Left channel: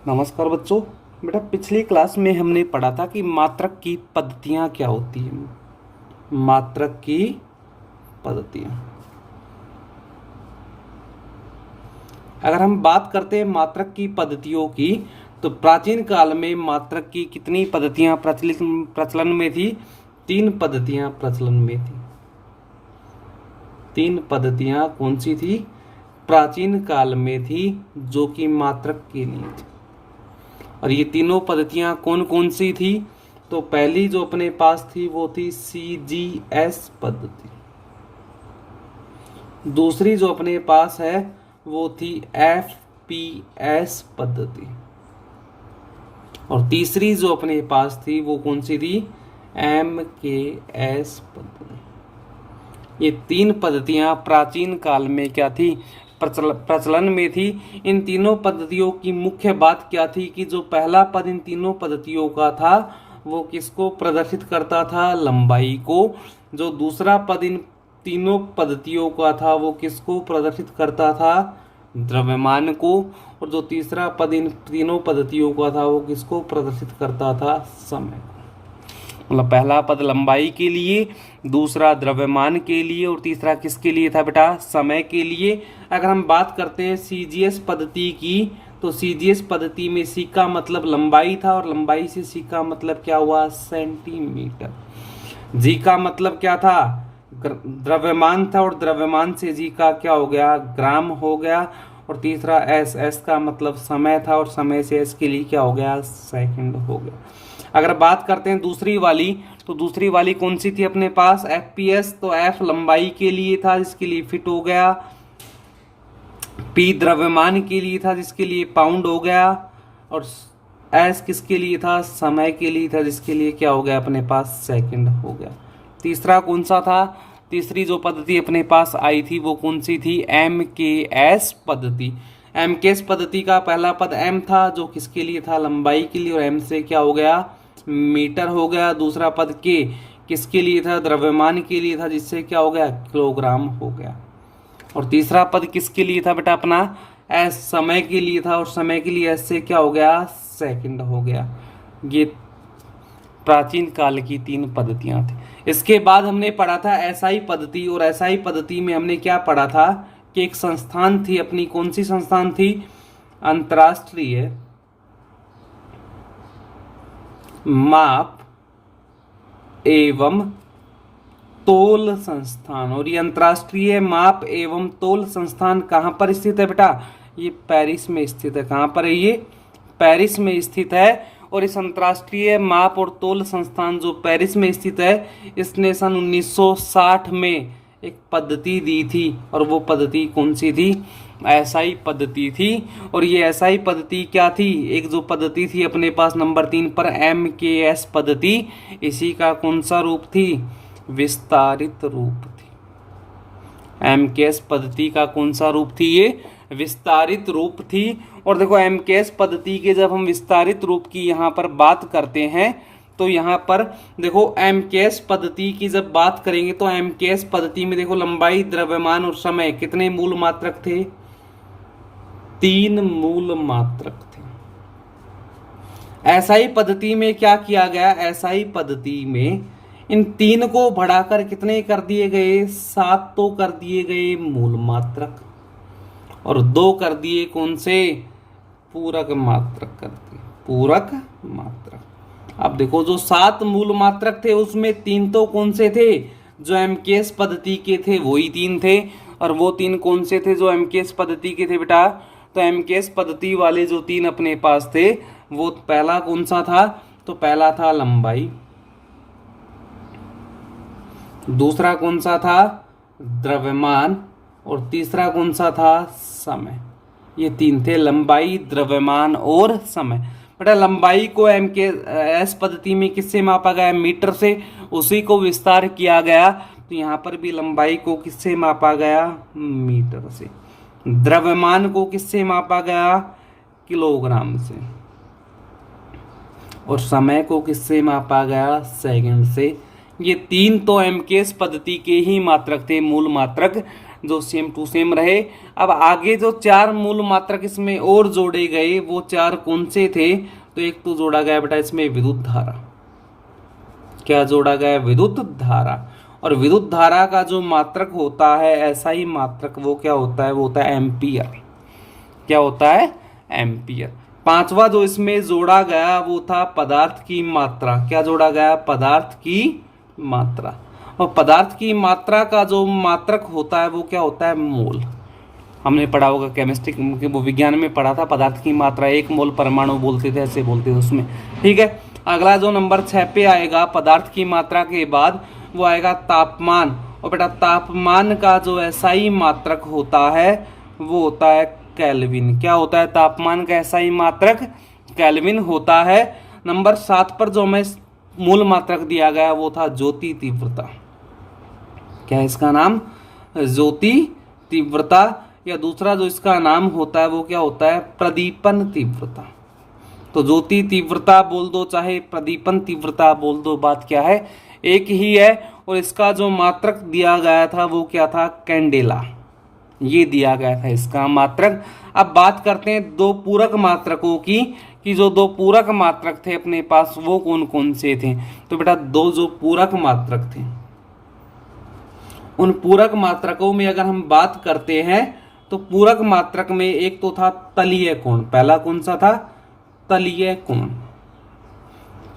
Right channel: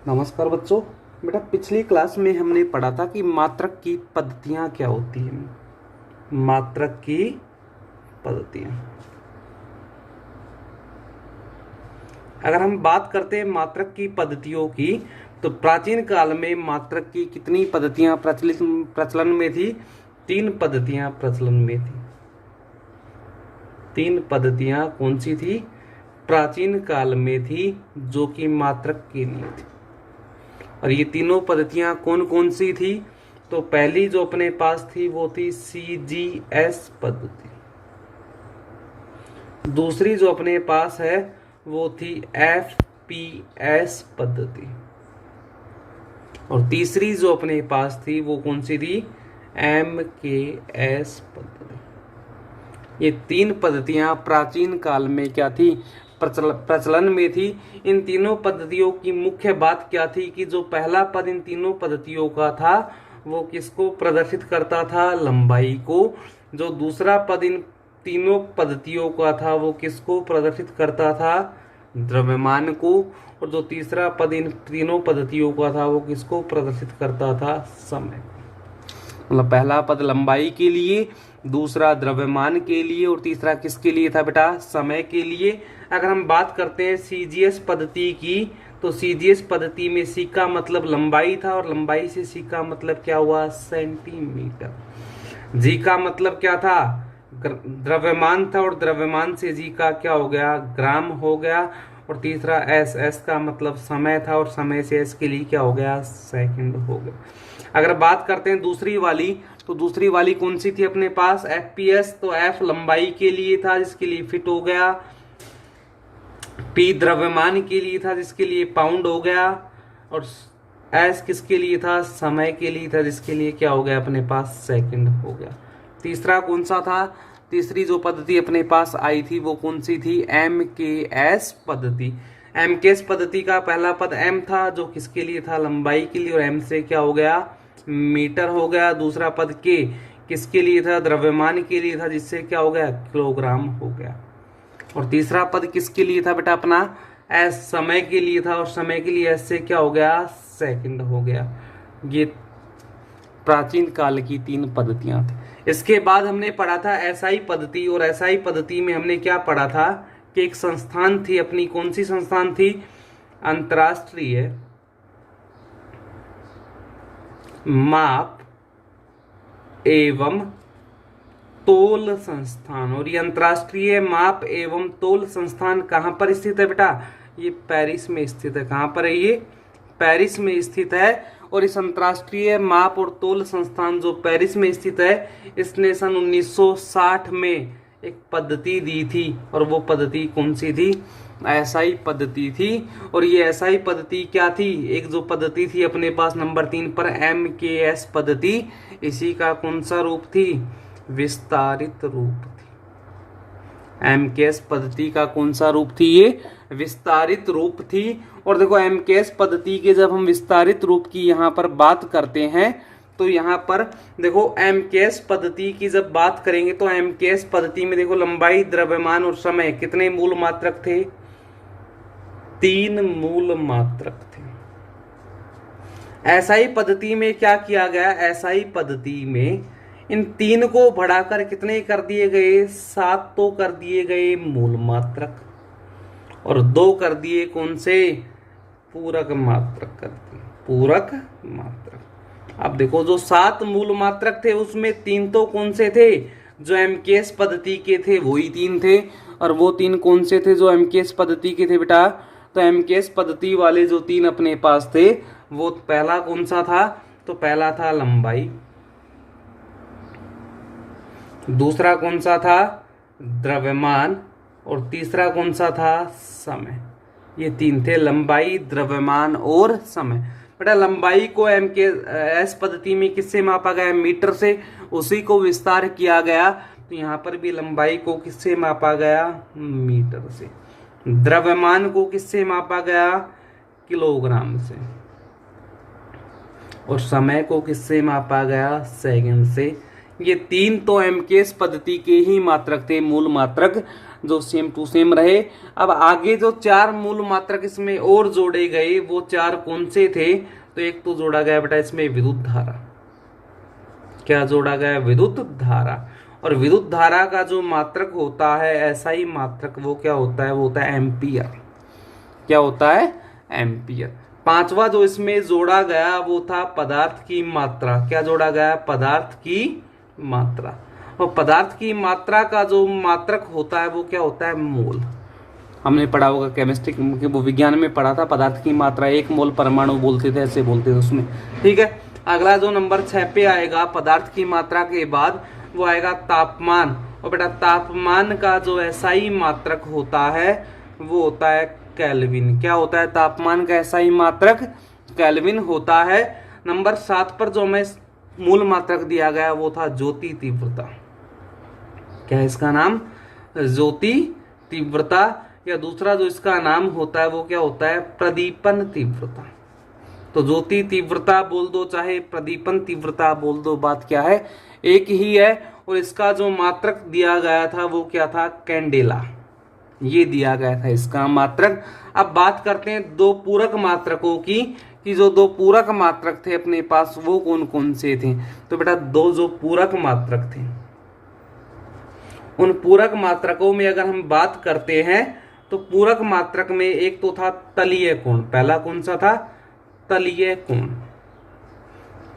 नमस्कार बच्चों। बेटा पिछली क्लास में हमने पढ़ा था कि मात्रक की पद्धतियाँ क्या होती हैं। मात्रक की पद्धतियाँ, अगर हम बात करते हैं मात्रक की पद्धतियों की, तो प्राचीन काल में मात्रक की कितनी पद्धतियाँ प्रचलन में थी? 3 पद्धतियाँ प्रचलन में थी। 3 पद्धतियाँ कौन सी थी? प्राचीन काल में थी, जो कि मात्रक के लिए थी। और ये तीनों पद्धतियां कौन कौन सी थी? तो पहली जो अपने पास थी वो थी CGS पद्धति। दूसरी जो अपने पास है वो थी FPS पद्धति। और तीसरी जो अपने पास थी वो कौन सी थी? MKS पद्धति। ये 3 पद्धतियां प्राचीन काल में क्या थी? प्रचलन में थी। इन तीनों पद्धतियों की मुख्य बात क्या थी कि जो पहला पद इन तीनों पद्धतियों का था वो किसको प्रदर्शित करता था? लंबाई को। जो दूसरा पद इन तीनों पद्धतियों का था वो किसको प्रदर्शित करता था? द्रव्यमान को। और जो तीसरा पद इन तीनों पद्धतियों का था वो किसको प्रदर्शित करता था? समय। मतलब पहला पद लंबाई के लिए, दूसरा द्रव्यमान के लिए, और तीसरा किसके लिए था बेटा? समय के लिए। अगर हम बात करते हैं CGS पद्धति की, तो CGS पद्धति में C का मतलब लंबाई था, और लंबाई से C का मतलब क्या हुआ? सेंटीमीटर। G का मतलब क्या था? द्रव्यमान था, और द्रव्यमान से G का क्या हो गया? ग्राम हो गया। और तीसरा S का मतलब समय था, और समय से S के लिए क्या हो गया? सेकंड हो गया। अगर बात करते हैं दूसरी वाली, तो दूसरी वाली कौन सी थी अपने पास? FPS। तो F लंबाई के लिए था, जिसके लिए फीट हो गया। P द्रव्यमान के लिए था, जिसके लिए पाउंड हो गया। और S किसके लिए था? समय के लिए था, जिसके लिए क्या हो गया अपने पास? सेकंड हो गया। तीसरा कौन सा था? तीसरी जो पद्धति अपने पास आई थी वो कौन सी थी? MKS पद्धति। MKS पद्धति का पहला पद M था, जो किसके लिए था? लंबाई के लिए, और M से क्या हो गया? मीटर हो गया। दूसरा पद K किसके लिए था? द्रव्यमान के लिए था, जिससे क्या हो गया? किलोग्राम हो गया। और तीसरा पद किसके लिए था बेटा? अपना S समय के लिए था, और समय के लिए S से क्या हो गया? सेकंड हो गया। ये प्राचीन काल की 3 पद्धतियां थी। इसके बाद हमने पढ़ा था SI पद्धति, और SI पद्धति में हमने क्या पढ़ा था कि एक संस्थान थी अपनी। कौन सी संस्थान थी? अंतरराष्ट्रीय माप एवं तोल संस्थान। और ये अंतरराष्ट्रीय माप एवं तोल संस्थान कहाँ पर स्थित है बेटा? ये पेरिस में स्थित है। कहाँ पर है ये? पेरिस में स्थित है। और इस अंतरराष्ट्रीय माप और तोल संस्थान जो पेरिस में स्थित है, इसने सन 1960 में एक पद्धति दी थी, और वो पद्धति कौन सी थी? SI पद्धति थी। और ये SI पद्धति क्या थी? एक जो पद्धति थी अपने पास नंबर 3 पर MKS पद्धति, इसी का कौन सा रूप थी? विस्तारित रूप थी। MKS पद्धति का कौन सा रूप थी? ये विस्तारित रूप थी। और देखो MKS पद्धति के जब हम विस्तारित रूप की यहाँ पर बात करते हैं, तो यहाँ पर देखो MKS पद्धति की जब बात करेंगे तो MKS पद्धति में देखो लंबाई, द्रव्यमान और समय कितने मूल मात्रक थे? 3 मूल मात्रक थे। SI पद्धति में क्या किया गया? SI पद्धति में इन 3 को बढ़ाकर कितने कर दिए गए? 7 तो कर दिए गए मूल मात्रक, और 2 कर दिए कौन से? पूरक मात्रक कर दिए। पूरक मात्रक। अब देखो जो 7 मूल मात्रक थे उसमें 3 तो कौन से थे? जो MKS पद्धति के थे वही 3 थे। और वो 3 कौन से थे जो MKS पद्धति के थे बेटा? तो MKS पद्धति वाले जो 3 अपने पास थे, वो पहला कौन सा था? तो पहला था लंबाई। दूसरा कौन सा था? द्रव्यमान। और तीसरा कौन सा था? समय। ये 3 थे, लंबाई, द्रव्यमान और समय। बेटा लंबाई को MKS पद्धति में किससे मापा गया? मीटर से। उसी को विस्तार किया गया, तो यहाँ पर भी लंबाई को किससे मापा गया? मीटर से। द्रव्यमान को किससे मापा गया? किलोग्राम से। और समय को किससे मापा गया? सेकंड से। ये 3 तो MKS पद्धति के ही मात्रक थे, मूल मात्रक। जो सेम टू सेम रहे। अब आगे जो 4 मूल मात्रक इसमें और जोड़े गए वो 4 कौन से थे? तो एक तो जोड़ा गया बेटा इसमें विद्युत धारा। क्या जोड़ा गया? विद्युत धारा। और विद्युत धारा का जो मात्रक होता है ऐसा ही मात्रक वो क्या होता है? वो होता है एम्पियर। क्या होता है? एम्पियर। 5वां जो इसमें जोड़ा गया वो था पदार्थ की मात्रा। क्या जोड़ा गया? पदार्थ की मात्रा। और पदार्थ की मात्रा का जो मात्रक होता है वो क्या होता है? मोल। हमने पढ़ा होगा केमिस्ट्री के वो विज्ञान में पढ़ा था, पदार्थ की मात्रा 1 मोल परमाणु बोलते थे, ऐसे बोलते थे उसमें। ठीक है, अगला जो नंबर 6 पे आएगा पदार्थ की मात्रा के बाद वो आएगा तापमान। और बेटा तापमान का जो एसआई मात्रक होता है वो होता है केल्विन। क्या होता है? तापमान का एसआई मात्रक केल्विन होता है। नंबर 7 पर जो हमें मूल मात्रक दिया गया वो था ज्योति तीव्रता। क्या है इसका नाम? ज्योति तीव्रता। या दूसरा जो इसका नाम होता है वो क्या होता है? प्रदीपन तीव्रता। तो ज्योति तीव्रता बोल दो चाहे प्रदीपन तीव्रता बोल दो, बात क्या है? एक ही है। और इसका जो मात्रक दिया गया था वो क्या था? कैंडेला। ये दिया गया था इसका मात्रक। अब बात करते हैं 2 पूरक मात्रकों की, कि जो 2 पूरक मात्रक थे अपने पास वो कौन कौन से थे। तो बेटा 2 जो पूरक मात्रक थे, उन पूरक मात्रकों में अगर हम बात करते हैं तो पूरक मात्रक में एक तो था तलीय कोण। पहला कौन सा था? तलीय कोण।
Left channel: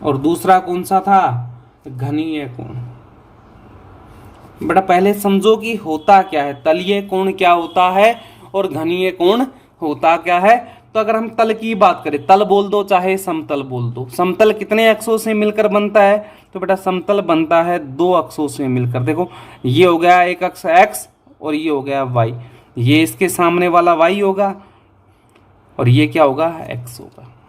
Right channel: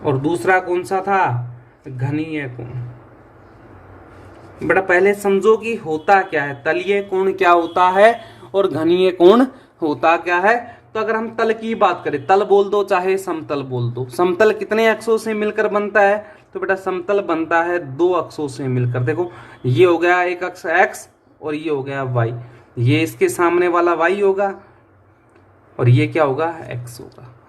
और दूसरा कौन सा था? घनीय कोण। बेटा पहले समझो कि होता क्या है, तलीय कोण क्या होता है और घनीय कोण होता क्या है। तो अगर हम तल की बात करें, तल बोल दो चाहे समतल बोल दो, समतल कितने अक्षों से मिलकर बनता है? तो बेटा समतल बनता है 2 अक्षों से मिलकर। देखो ये हो गया एक अक्ष x और ये हो गया y। ये इसके सामने वाला y होगा और ये क्या होगा? x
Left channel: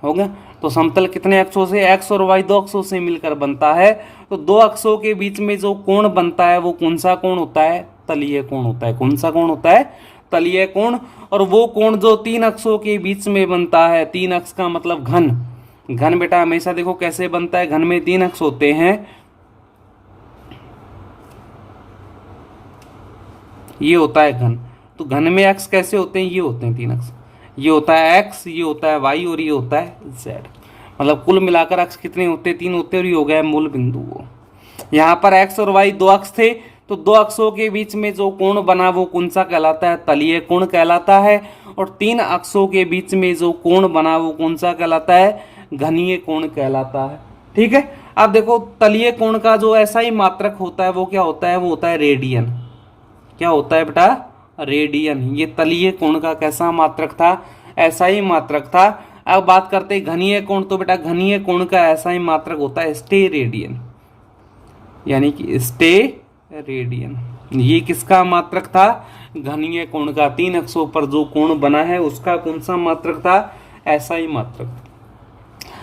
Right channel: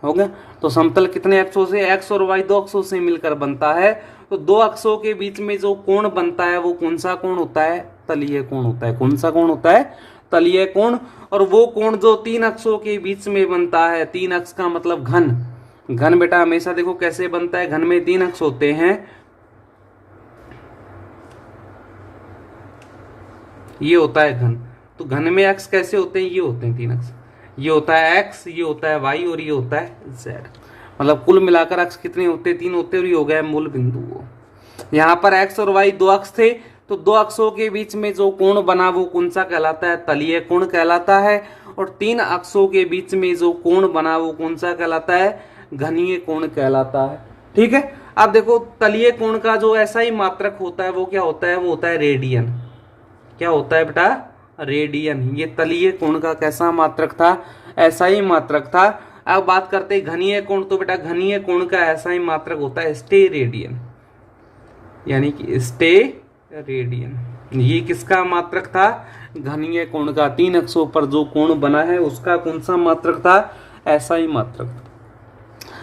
होगा। तो समतल कितने अक्षों से? x और y 2 अक्षों से मिलकर बनता है। तो 2 अक्षों के बीच में जो कोण बनता है वो कौन सा कोण होता है? तलीय कोण होता है। कौन सा कोण होता है? तलीय कोण। और वो कोण जो 3 अक्षों के बीच में बनता है, 3 अक्ष का मतलब घन। घन बेटा हमेशा देखो कैसे बनता है, घन में 3 अक्ष होते हैं। ये होता है घन। तो घन में अक्ष कैसे होते हैं? ये होते हैं 3 अक्ष। ये होता है x, ये होता है y और ये होता है z। मतलब कुल मिलाकर अक्ष कितने होते हैं? 3 होते हैं। और ये हो गया मूल बिंदु। वो यहाँ पर x और y 2 अक्ष थे, तो 2 अक्षों के बीच में जो कोण बना वो कौन सा कहलाता है? तलीय कोण कहलाता है। और 3 अक्षों के बीच में जो कोण बना वो कौन सा कहलाता है? घनीय कोण कहलाता है। ठीक है, अब देखो तलीय कोण का जो ऐसा ही मात्रक होता है वो क्या होता है? वो होता है रेडियन। क्या होता है बेटा? रेडियन। ये तलीय कोण का कैसा मात्रक था? ऐसा ही मात्रक था। अब बात करते हैं घनीय कोण। तो बेटा घनीय कोण का ऐसा ही मात्रक होता है स्टेरेडियन, यानी कि स्टेरेडियन। ये किसका मात्रक था? घनीय कोण का। 3 अक्षों पर जो कोण बना है उसका कौन सा मात्रक था? ऐसा ही मात्रक था।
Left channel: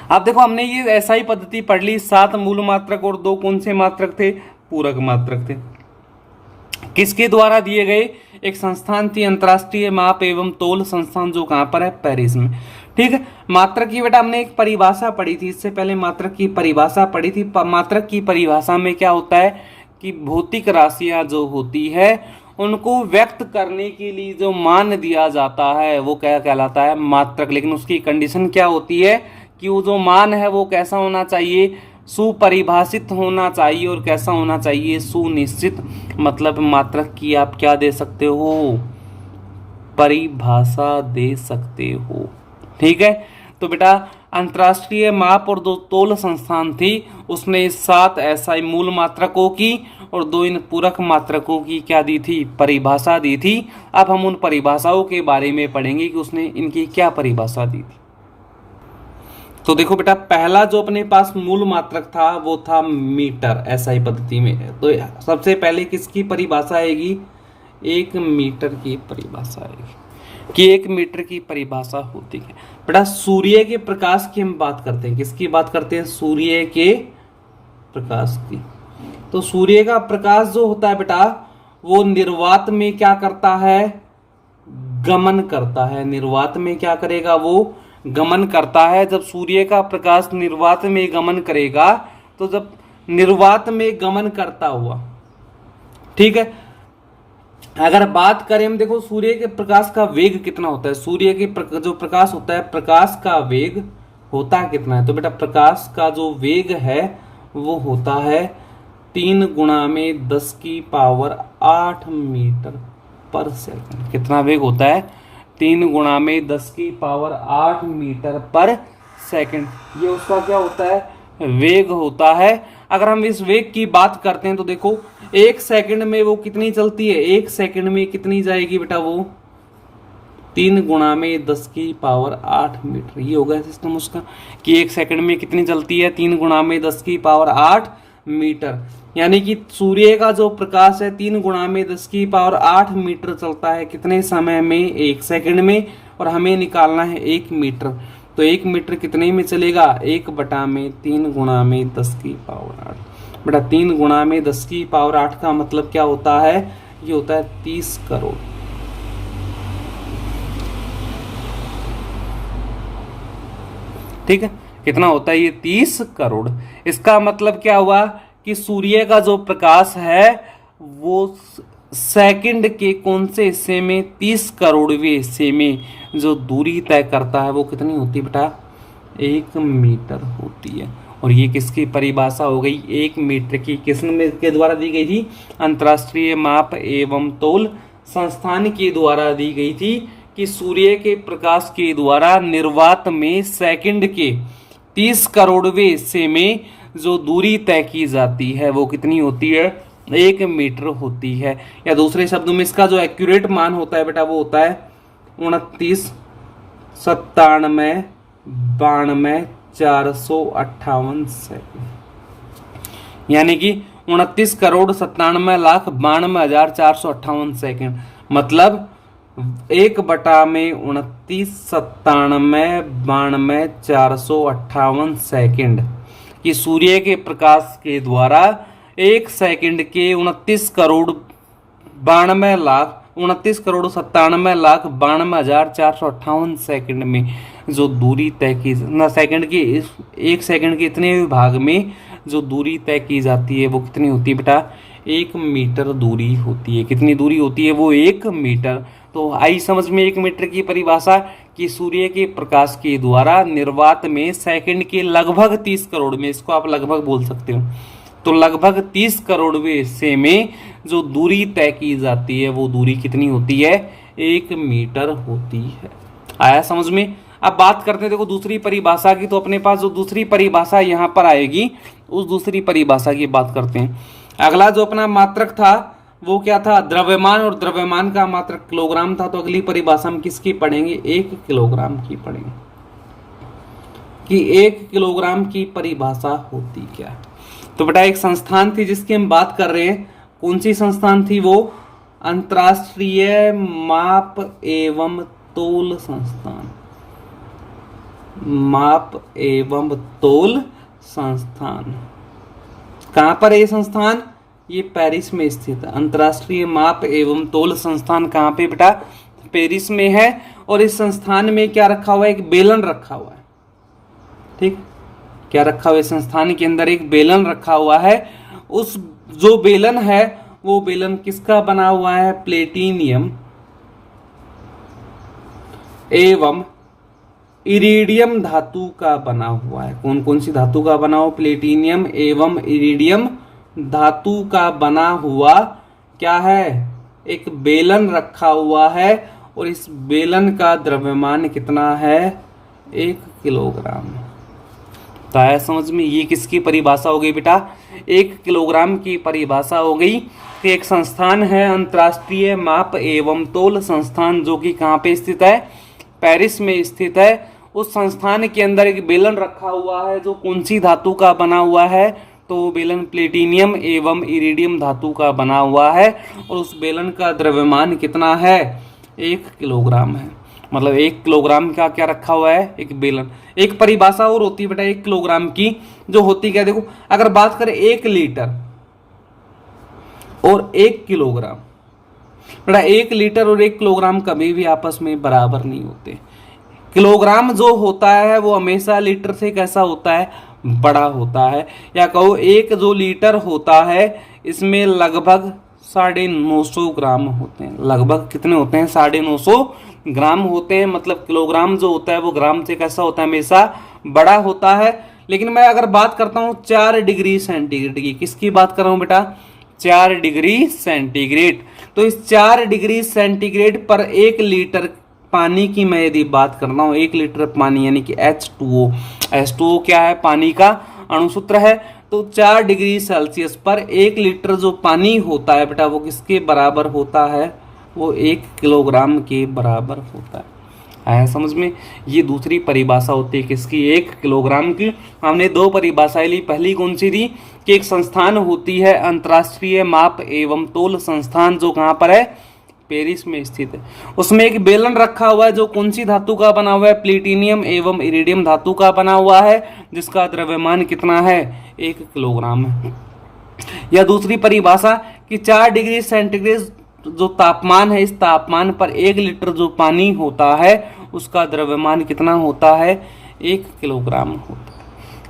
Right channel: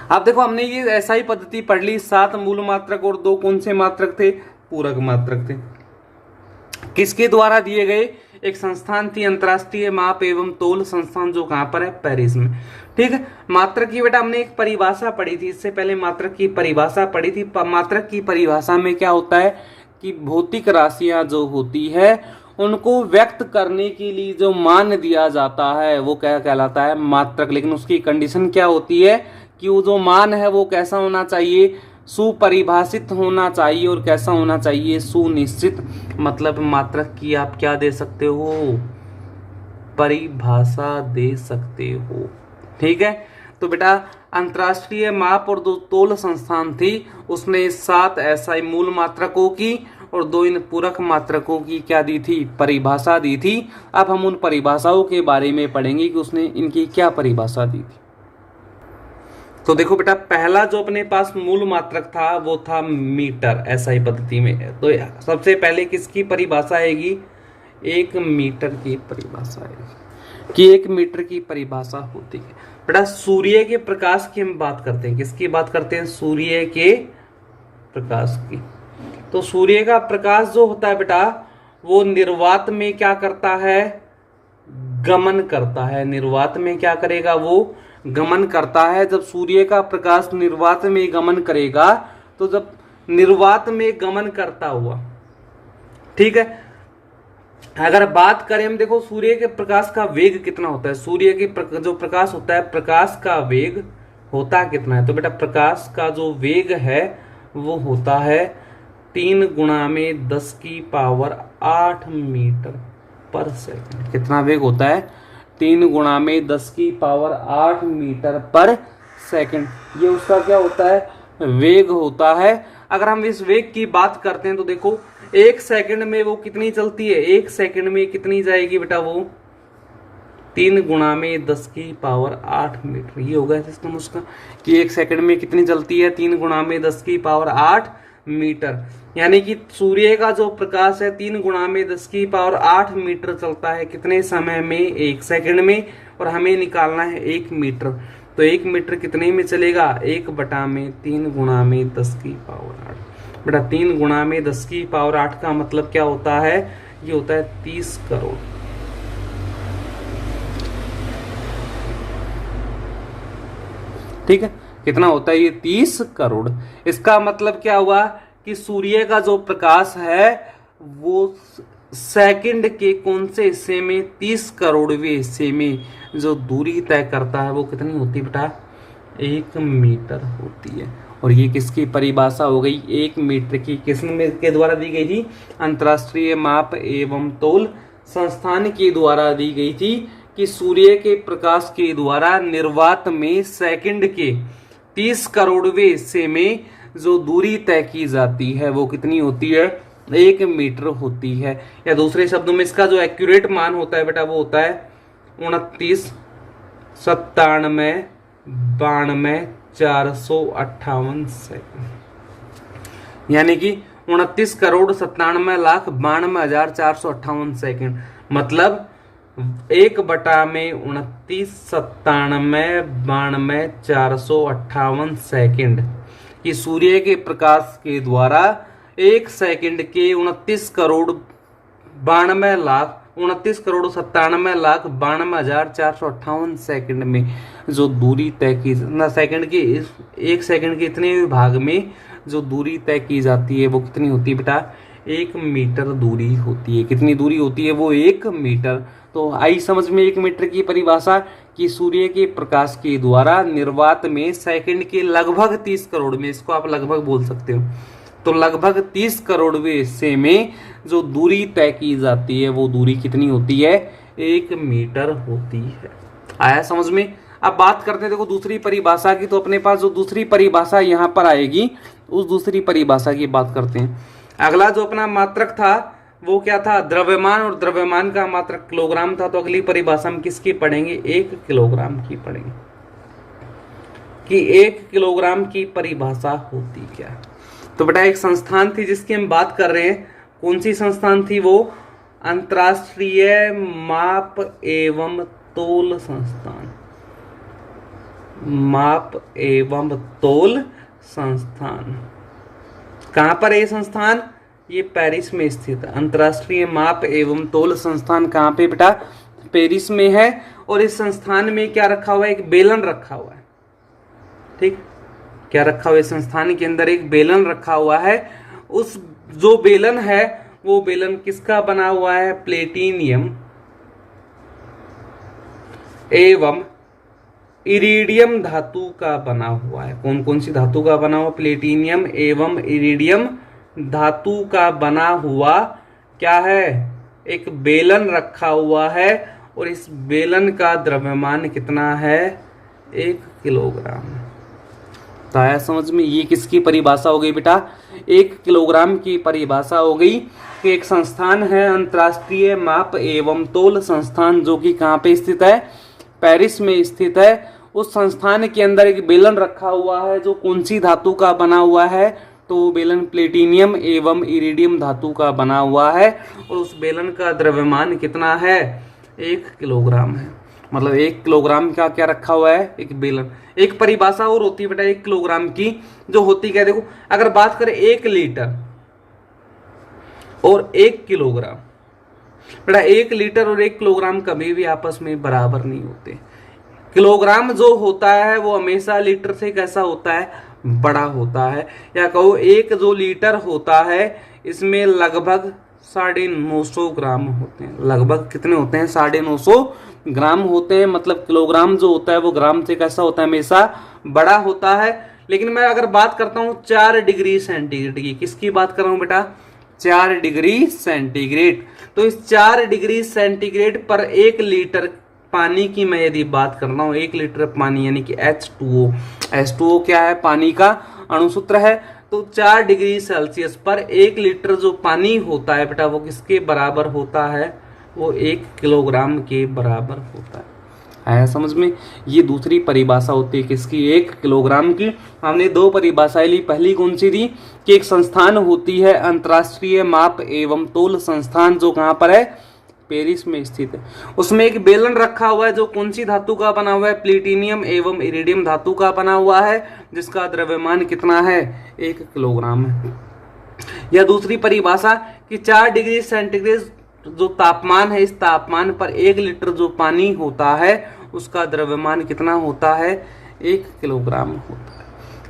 अब देखो हमने ये ऐसा ही पद्धति पढ़ ली। 7 मूल मात्रक और 2 कौन से मात्रक थे? पूरक मात्रक थे। किसके द्वारा दिए गए? एक संस्थान थी अंतरराष्ट्रीय माप एवं तोल संस्थान, जो कहां पर है? पेरिस में। ठीक है, मात्रक की बेटा हमने एक परिभाषा पढ़ी थी, इससे पहले मात्रक की परिभाषा पढ़ी थी। मात्रक की परिभाषा में क्या होता है कि भौतिक राशियां जो होती है उनको व्यक्त करने के लिए जो मान दिया जाता है वो क्या कहलाता है? मात्रक। लेकिन उसकी कंडीशन क्या होती है कि वो जो मान है वो कैसा होना चाहिए? सुपरिभाषित होना चाहिए। और कैसा होना चाहिए? सुनिश्चित। मतलब मात्रक की आप क्या दे सकते हो? परिभाषा दे सकते हो। ठीक है, तो बेटा अंतरराष्ट्रीय माप और 2 तोल संस्थान थी, उसने 7 एसआई मूल मात्रकों की और 2 इन पूरक मात्रकों की क्या दी थी? परिभाषा दी थी। अब हम उन परिभाषाओं के बारे में पढ़ेंगे कि उसने इनकी क्या परिभाषा दी थी। तो देखो बेटा पहला जो अपने पास मूल मात्रक था वो था मीटर, एसआई पद्धति में। तो सबसे पहले किसकी परिभाषा आएगी? 1 मीटर की परिभाषा आएगी कि 1 मीटर की परिभाषा होती है। बेटा सूर्य के प्रकाश की हम बात करते हैं। किसकी बात करते हैं? सूर्य के प्रकाश की। तो सूर्य का प्रकाश जो होता है बेटा वो निर्वात में क्या करता है? गमन करता है। निर्वात में क्या करेगा? वो गमन करता है। जब सूर्य का प्रकाश निर्वात में गमन करेगा तो जब निर्वात में गमन करता हुआ, ठीक है, अगर बात करें हम, देखो सूर्य के प्रकाश का वेग कितना होता है, सूर्य की जो प्रकाश होता है, प्रकाश का वेग होता कितना है, तो बेटा प्रकाश का जो वेग है वो होता है 3 गुणा में 10 की पावर 8 मीटर पर सेकंड। कितना वेग होता है, 3 गुणा में 10 की पावर 8 मीटर पर सेकंड। ये उसका क्या होता है, वेग होता है। अगर हम इस वेग की बात करते हैं तो देखो 1 सेकंड में वो कितनी चलती है, 1 सेकंड में कितनी जाएगी बेटा, वो 3 गुणा में 10 की पावर 8 मीटर। ये होगा सिस्टम उसका कि 1 सेकंड में कितनी चलती है, 3 गुणा में 10 की पावर 8 मीटर। यानी कि सूर्य का जो प्रकाश है 3 गुणा में 10 की पावर 8 मीटर चलता है कितने समय में, 1 सेकंड में, और हमें निकालना है 1 मीटर। तो 1 मीटर कितने में चलेगा, 1 बटा में 3 गुणा में 10 की पावर 8। बेटा 3 गुणा में 10 की पावर 8 का मतलब क्या होता है, ये होता है 30 करोड़। ठीक है, कितना होता है ये, 30 करोड़। इसका मतलब क्या हुआ कि सूर्य का जो प्रकाश है वो सेकंड के कौन से हिस्से में, 30 करोड़वें हिस्से में जो दूरी तय करता है वो कितनी होती है बेटा, 1 मीटर होती है। और ये किसकी परिभाषा हो गई, 1 मीटर की, किसने के द्वारा दी गई थी, अंतरराष्ट्रीय माप एवं तौल संस्थान के द्वारा दी गई थी कि सूर्य के प्रकाश के द्वारा निर्वात में सेकंड के 30 करोड़वें हिस्से में जो दूरी तय की जाती है वो कितनी होती है, 1 मीटर होती है। या दूसरे शब्दों में इसका जो एक्यूरेट मान होता है बेटा वो होता है 29, 97, 92, 458 सेकंड। यानी कि 29 करोड़ 97 लाख 92,458 सेकंड। मतलब 1 बटा में 29, 97, 92, 458 सेकंड कि सूर्य के प्रकाश के द्वारा 1 सेकंड के 29 करोड़ 97,92,458 सेकंड में जो दूरी तय की ना, सेकंड के 1 सेकंड के इतने भाग में जो दूरी तय की जाती है वो कितनी होती है बेटा, 1 मीटर दूरी होती है। कितनी दूरी होती है वो, 1 मीटर। तो आई समझ में 1 मीटर की परिभाषा कि सूर्य के प्रकाश के द्वारा निर्वात में सेकंड के लगभग 30 करोड़ में, इसको आप लगभग बोल सकते हो, तो लगभग 30 करोड़वें हिस्से में जो दूरी तय की जाती है वो दूरी कितनी होती है, 1 मीटर होती है। आया समझ में। अब बात करते हैं देखो दूसरी परिभाषा की, तो अपने पास जो दूसरी परिभाषा यहाँ पर आएगी उस दूसरी परिभाषा की बात करते हैं। अगला जो अपना मात्रक था वो क्या था, द्रव्यमान, और द्रव्यमान का मात्रक किलोग्राम था। तो अगली परिभाषा हम किसकी पढ़ेंगे, 1 किलोग्राम की पढ़ेंगे कि 1 किलोग्राम की परिभाषा होती क्या है। तो बेटा एक संस्थान थी जिसकी हम बात कर रहे हैं, कौन सी संस्थान थी वो, अंतरराष्ट्रीय माप एवं तौल संस्थान, माप एवं तौल संस्थान। कहां पर है ये संस्थान, ये पेरिस में स्थित है। अंतरराष्ट्रीय माप एवं तौल संस्थान कहां पे बेटा, पेरिस में है। और इस संस्थान में क्या रखा हुआ है, एक बेलन रखा हुआ है। ठीक, क्या रखा हुआ है, संस्थान के अंदर एक बेलन रखा हुआ है। उस जो बेलन है वो बेलन किसका बना हुआ है, प्लेटिनियम एवं इरिडियम धातु का बना हुआ है। कौन कौन सी धातु का बना हुआ, प्लेटिनियम एवं इरिडियम धातु का बना हुआ क्या है, एक बेलन रखा हुआ है। और इस बेलन का द्रव्यमान कितना है, 1 किलोग्राम। तो आया समझ में, ये किसकी परिभाषा हो गई बेटा, 1 किलोग्राम की परिभाषा हो गई। एक संस्थान है अंतरराष्ट्रीय माप एवं तौल संस्थान, जो कि कहाँ पे स्थित है, पेरिस में स्थित है। उस संस्थान के अंदर एक बेलन रखा हुआ है जो कौन सी धातु का बना हुआ है, तो वो बेलन प्लेटिनियम एवं इरिडियम धातु का बना हुआ है। और उस बेलन का द्रव्यमान कितना है, 1 किलोग्राम है। मतलब 1 किलोग्राम का क्या रखा हुआ है, एक बेलन। एक परिभाषा और होती है बेटा 1 किलोग्राम की, जो होती क्या, देखो अगर बात करें 1 लीटर और 1 किलोग्राम, बेटा 1 लीटर और 1 किलोग्राम कभी भी आपस में बराबर नहीं होते। किलोग्राम जो होता है वो हमेशा लीटर से कैसा होता है, बड़ा होता है। या कहो 1 जो लीटर होता है इसमें लगभग 950 ग्राम होते हैं। लगभग कितने होते हैं? 950 ग्राम होते हैं। मतलब किलोग्राम जो होता है वो ग्राम से कैसा होता है? हमेशा बड़ा होता है। लेकिन मैं अगर बात करता हूं 4 डिग्री सेंटीग्रेड की, किसकी बात कर रहा हूं बेटा? 4 डिग्री सेंटीग्रेड। तो इस 4 डिग्री सेंटीग्रेड पर 1 लीटर पानी की मैं यदि बात कर रहा हूं, 1 लीटर पानी यानी कि H2O, H2O क्या है? पानी का अणुसूत्र है। तो 4 डिग्री सेल्सियस पर 1 लीटर जो पानी होता है बेटा वो किसके बराबर होता है? वो 1 किलोग्राम के बराबर होता है। आया समझ में? ये दूसरी परिभाषा होती है किसकी? 1 किलोग्राम की। हमने 2 परिभाषाएं ली। पहली कौन सी थी? कि एक संस्थान होती है अंतर्राष्ट्रीय माप एवं तोल संस्थान, जो कहाँ पर है? पेरिस में स्थित है। उसमें एक बेलन रखा हुआ है जो कौन सी धातु का बना हुआ है? प्लेटिनियम एवं इरिडियम धातु का बना हुआ है, जिसका द्रव्यमान कितना है? 1 किलोग्राम है। या दूसरी परिभाषा कि 4 डिग्री सेंटीग्रेड जो तापमान है, इस तापमान पर 1 लीटर जो पानी होता है उसका द्रव्यमान कितना होता है? 1 किलोग्राम होता है।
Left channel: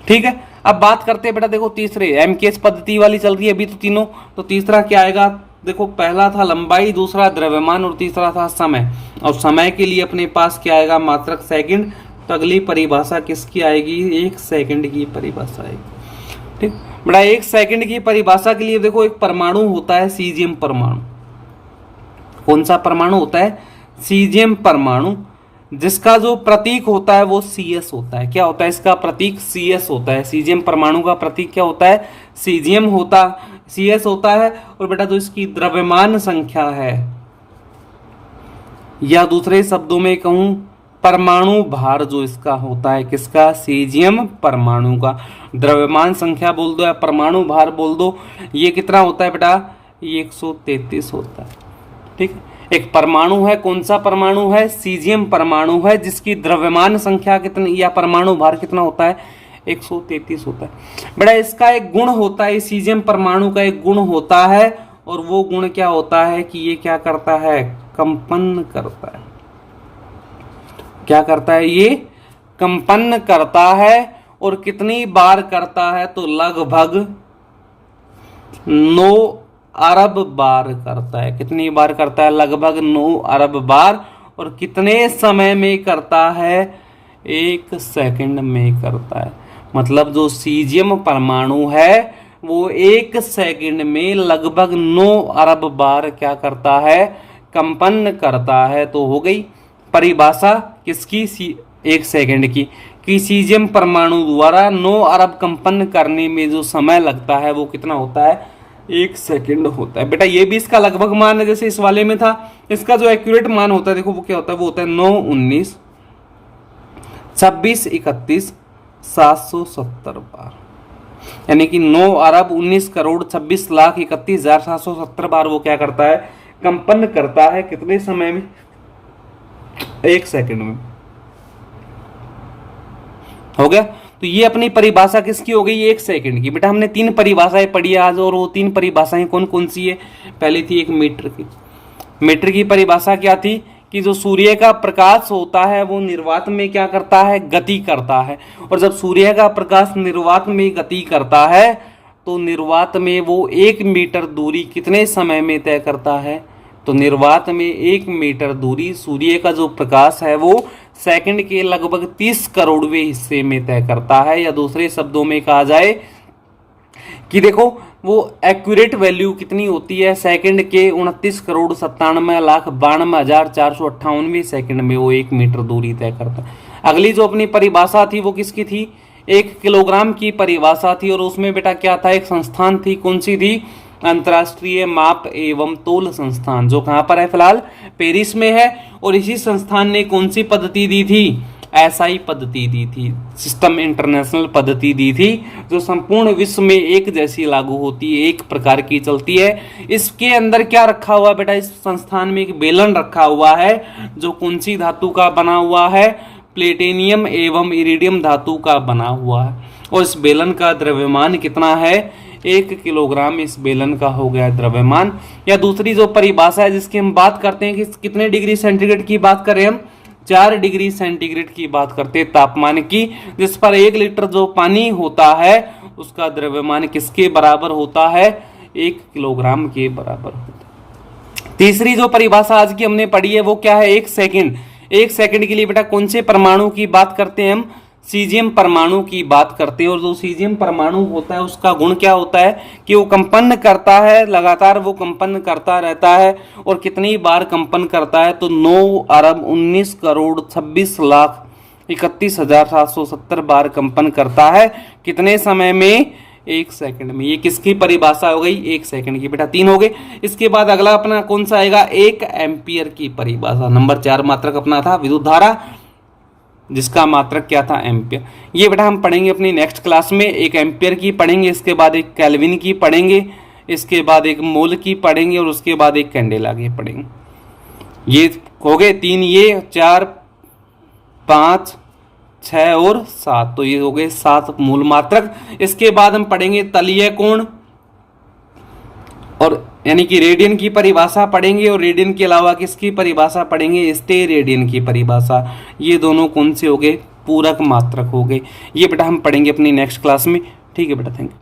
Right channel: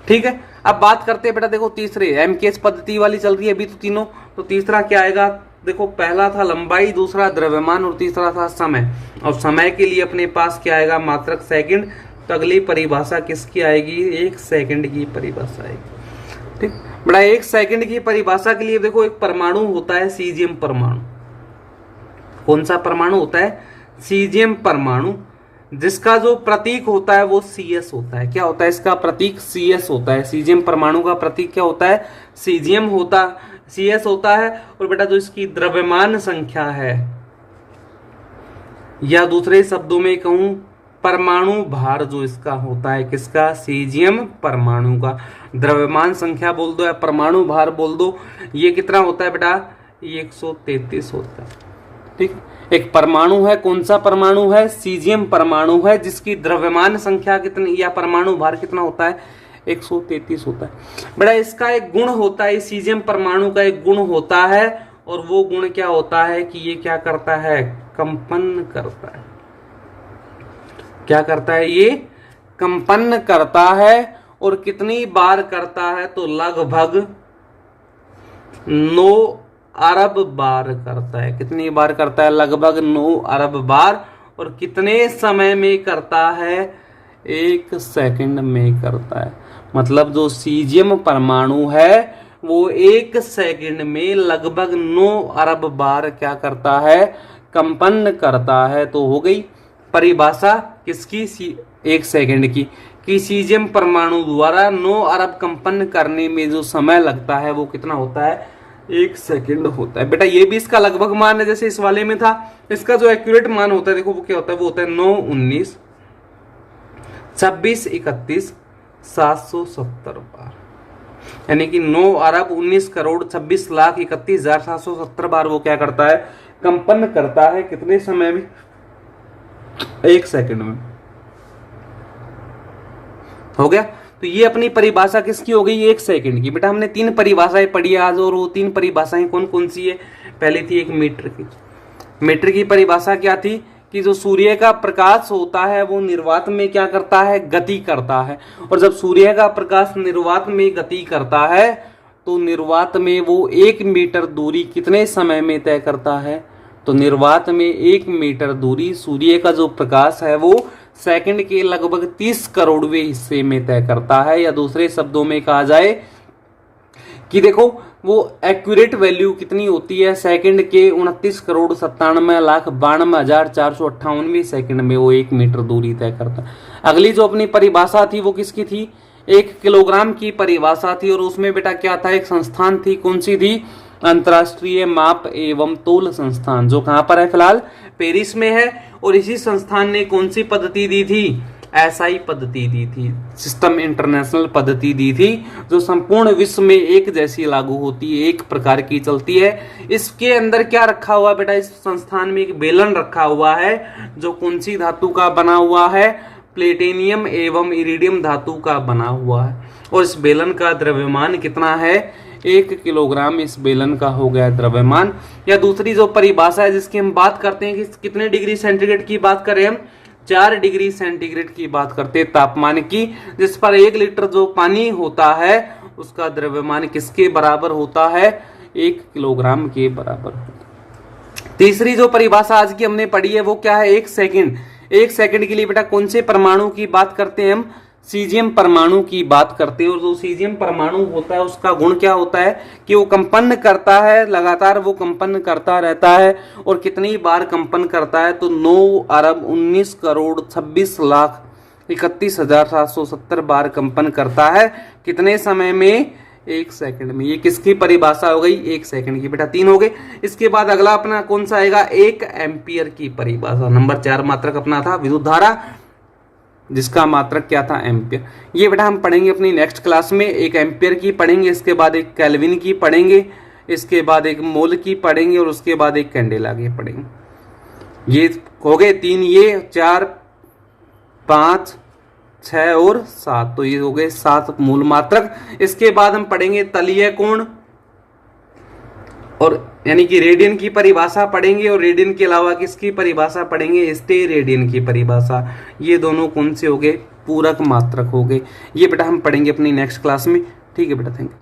ठीक है, अब बात करते हैं बेटा, देखो तीसरे एमकेएस पद्धति वाली चल रही है अभी तो तीनों। तो तीसरा क्या आएगा? देखो पहला था लंबाई, दूसरा द्रव्यमान और तीसरा था समय। और समय के लिए अपने पास क्या आएगा? मात्रक सेकंड। तो अगली परिभाषा किसकी आएगी? 1 सेकंड की परिभाषा आएगी। ठीक बेटा, 1 सेकंड की परिभाषा के लिए देखो एक परमाणु होता है सीजियम परमाणु। कौन सा परमाणु होता है? सीजियम परमाणु, जिसका जो प्रतीक होता है वो CS होता है। क्या होता है इसका प्रतीक? CS होता है। सीजियम परमाणु का प्रतीक क्या होता है? सीजियम होता, CS होता है। और बेटा जो इसकी द्रव्यमान संख्या है, या दूसरे शब्दों में कहूं परमाणु भार जो इसका होता है, किसका? सीजियम परमाणु का। द्रव्यमान संख्या बोल दो या परमाणु भार बोल दो, ये कितना होता है बेटा? ये 133 होता है। ठीक, एक परमाणु है, कौन सा परमाणु है? सीजियम परमाणु है, जिसकी द्रव्यमान संख्या कितनी या परमाणु भार कितना होता है? 133 होता है। बेटा इसका एक गुण होता है, सीजियम परमाणु का एक गुण होता है, और वो गुण क्या होता है कि ये क्या करता है? कंपन करता है। क्या करता है? ये कंपन करता है। और कितनी बार करता है? तो लगभग 9 अरब बार करता है। कितनी बार करता है? लगभग 9 अरब बार। और कितने समय में करता है? 1 सेकंड में करता है। मतलब जो सीजियम परमाणु है वो 1 सेकंड में लगभग 9 अरब बार क्या करता है? कंपन करता है। तो हो गई परिभाषा किसकी? 1 सेकंड की, कि सीजियम परमाणु द्वारा 9 अरब कंपन करने में जो समय लगता है वो कितना होता है? 1 सेकंड होता है। बेटा ये भी इसका लगभग मान है, जैसे इस वाले में था। इसका जो एक्यूरेट मान होता है देखो वो क्या होता है? वो होता है 9, 19, 26, 31, 770 बार। यानी कि 9 अरब 19 करोड़ 26 लाख 31,770 बार वो क्या करता है? कंपन करता है। कितने समय में? 1 सेकंड में। हो गया। तो ये अपनी परिभाषा किसकी हो गई? 1 सेकंड की। बेटा हमने 3 परिभाषाएं पढ़ी आज, और वो 3 परिभाषाएं कौन कौन सी है? पहली थी एक मीटर की। मीटर की परिभाषा क्या थी? कि जो सूर्य का प्रकाश होता है वो निर्वात में क्या करता है? गति करता है। और जब सूर्य का प्रकाश निर्वात में गति करता है तो निर्वात में वो 1 मीटर दूरी कितने समय में तय करता है? तो निर्वात में 1 मीटर दूरी सूर्य का जो प्रकाश है वो सेकंड के लगभग 30 करोड़वें हिस्से में तय करता है। या दूसरे शब्दों में कहा जाए कि देखो वो एक्यूरेट वैल्यू कितनी होती है? सेकंड के 29 करोड़ 97,92,458 सेकंड में वो 1 मीटर दूरी तय करता है। अगली जो अपनी परिभाषा थी वो किसकी थी? 1 किलोग्राम की परिभाषा थी। और उसमें बेटा क्या था? एक संस्थान थी, कौन सी थी? अंतर्राष्ट्रीय माप एवं तोल संस्थान, जो कहां पर है? फिलहाल पेरिस में है। और इसी संस्थान ने कौन सी पद्धति दी थी? SI पद्धति दी थी, सिस्टम इंटरनेशनल पद्धति दी थी, जो संपूर्ण विश्व में एक जैसी लागू होती है, एक प्रकार की चलती है। इसके अंदर क्या रखा हुआ बेटा? इस संस्थान में एक बेलन रखा हुआ है, जो कौन सी धातु का बना हुआ है? प्लेटिनियम एवं इरिडियम धातु का बना हुआ है। और इस बेलन का द्रव्यमान कितना है? 1 किलोग्राम इस बेलन का हो गया द्रव्यमान। या दूसरी जो परिभाषा है जिसकी हम बात करते हैं कि कितने डिग्री सेंटीग्रेड की बात करें हम? 4 डिग्री सेंटीग्रेड की बात करते हैं तापमान की, जिस पर 1 लीटर जो पानी होता है उसका द्रव्यमान किसके बराबर होता है? 1 किलोग्राम के बराबर होता है। तीसरी जो परिभाषा आज की हमने पढ़ी है वो क्या है, 1 सेकंड। 1 सेकंड के लिए बेटा कौन से परमाणु की बात करते हैं हम, सीजियम परमाणु की बात करते हैं। और जो सीजियम परमाणु होता है उसका गुण क्या होता है कि वो कंपन करता है, लगातार वो कंपन करता रहता है। और कितनी बार कंपन करता है, तो 9,19,26,31,770 बार कंपन करता है। कितने समय में, 1 सेकंड में। ये किसकी परिभाषा हो गई, 1 सेकंड की। बेटा 3 हो गए। इसके बाद अगला अपना कौन सा आएगा, 1 एम्पियर की परिभाषा। नंबर 4 मात्रक अपना था विद्युत धारा, जिसका मात्रक क्या था, एम्पियर। ये बेटा हम पढ़ेंगे अपनी नेक्स्ट क्लास में। 1 एम्पियर की पढ़ेंगे, इसके बाद 1 केल्विन की पढ़ेंगे, इसके बाद 1 मोल की पढ़ेंगे, और उसके बाद 1 कैंडेला की पढ़ेंगे। ये हो गए 3, ये 4, 5, 6 और 7, तो ये हो गए 7 मूल मात्रक। इसके बाद हम पढ़ेंगे तलीय कोण, और यानी कि रेडियन की परिभाषा पढ़ेंगे, और रेडियन के अलावा किसकी परिभाषा पढ़ेंगे, स्टे रेडियन की परिभाषा। ये दोनों कौन से हो गए, पूरक मात्रक हो गए। ये बेटा हम पढ़ेंगे अपनी नेक्स्ट क्लास में। ठीक है बेटा, थैंक यू।